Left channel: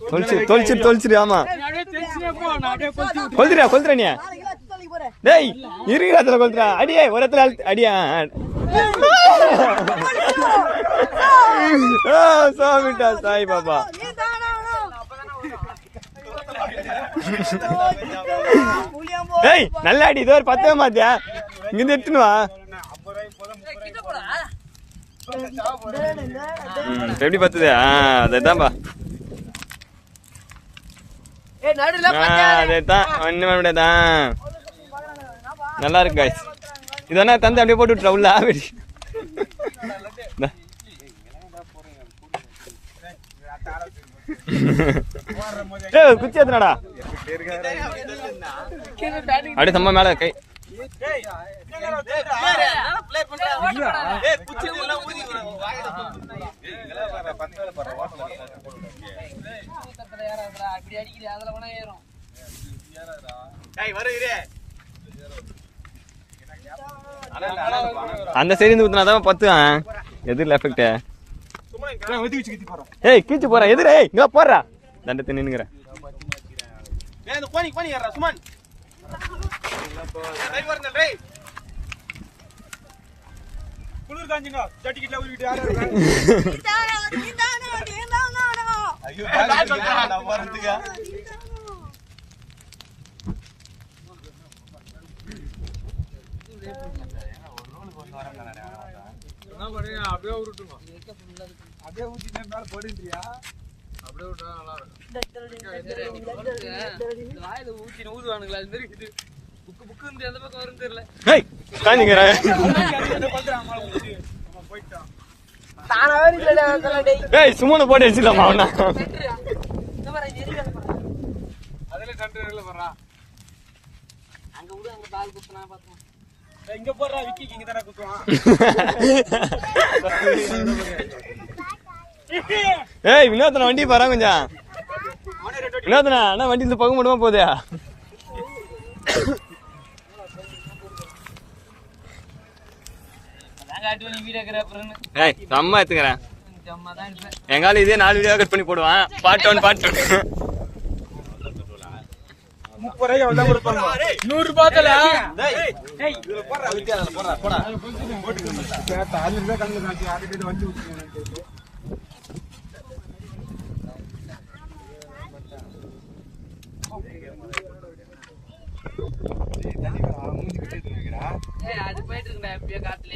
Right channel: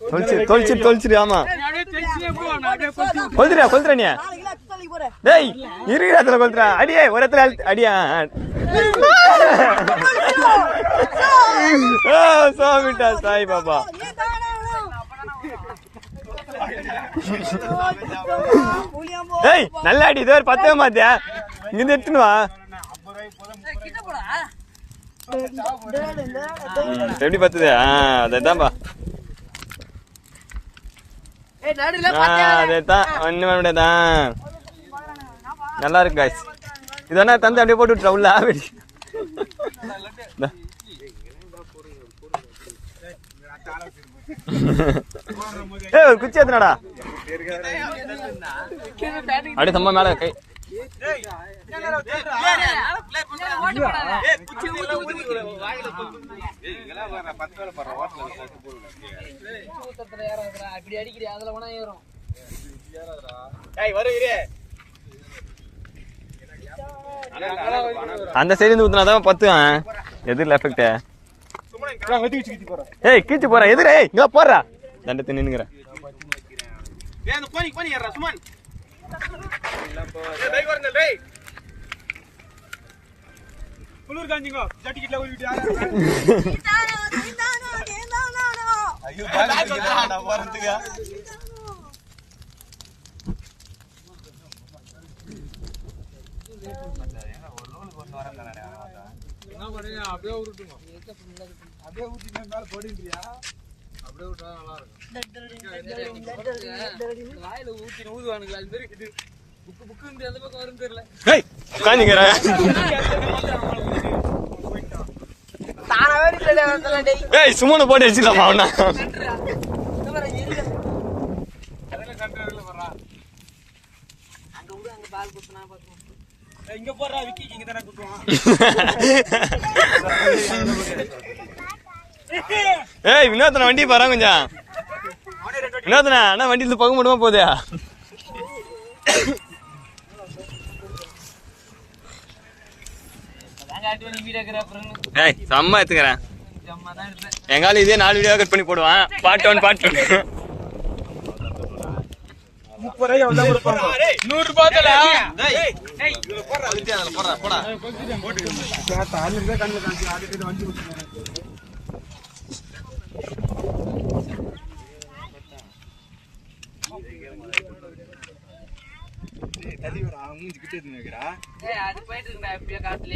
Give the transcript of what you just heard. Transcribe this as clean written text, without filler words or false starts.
தொலைச்சிரு ஆமா கொளுத்துறா நீ டேய் இருக்கிற இடத்துல கொளுத்துறா அடியே ஒரு இடத்துல அடியா சாமிட்டா சாய் பாபா டேய் நல்லா அடி இதோ பத்தவே மாத்தியா இங்க எடுத்துன்னு வா எப்படி பத்துது அதான்பா அதேதான் ஒண்ணுமே முடியாதான் நல்லா இருக்கு காய்ஸ் இதனா தந்து அப்படியே போட்டு விட்டுறா உள்ள குச்சி எத்தனாடா அப்படியே சம்மா மேல கை அந்த சைடு ஊத்துனாதான் பத்து எதிரில் எஃபெக்ட் ஏய் கீச்சு போறேன் எதிரே இங்க போடுறா தண்டத்தை நின்னுங்கிறேன் குளிர் காஞ்சிங்க ஜட்டிக்கிட்ட ஊறிட்டு அப்படியே உருட்டுங்க அப்படியே ஊத்தி மேல போடுன்றியா அப்படியே விட்டா நல்லா இருக்கும் வாயில ஊத்தி ஊதுவானுங்களா அது மாதிரி இது புக்கு அந்த பக்கம் வரும் தெரியல ஏய் காஞ்சிங்கற ஏய் சும்மா போட்டு வச்சிடலாமா அவனா அதல கண்ட்ரோல்ல வரா அங்க விடு அங்க பால் குத்துனா பாத்துறோம் இங்க போறா விக்கி இங்க தான குத்துவான் ஏய் வினோதன வண்டி பாறா கொஞ்சம் வினோதன அண்ணா வண்டில போக முடியுமா போதே ஏய் செம்ம எடுத்துக்கிறேன் எங்கால இதே 4 வீடியோ கட் பண்ணி போடுவான் பார்ட் 1 பார்ட் 2 30 ரூபாய் 100 ரூபாய் தல டேய் ஏய் இவர போறா அதுல போறா போடா போட்டுங்க கேட்டா 100 ரூபாய் கண்ணு காஞ்சி ஆடிட்டு வண்டி ஊத்துறாங்க தள்ளி வர மூஞ்சி கிட்ட ஏத்துங்கடா ஏய் அது போயிட்டு இருக்கடா எப்படியே காத்துல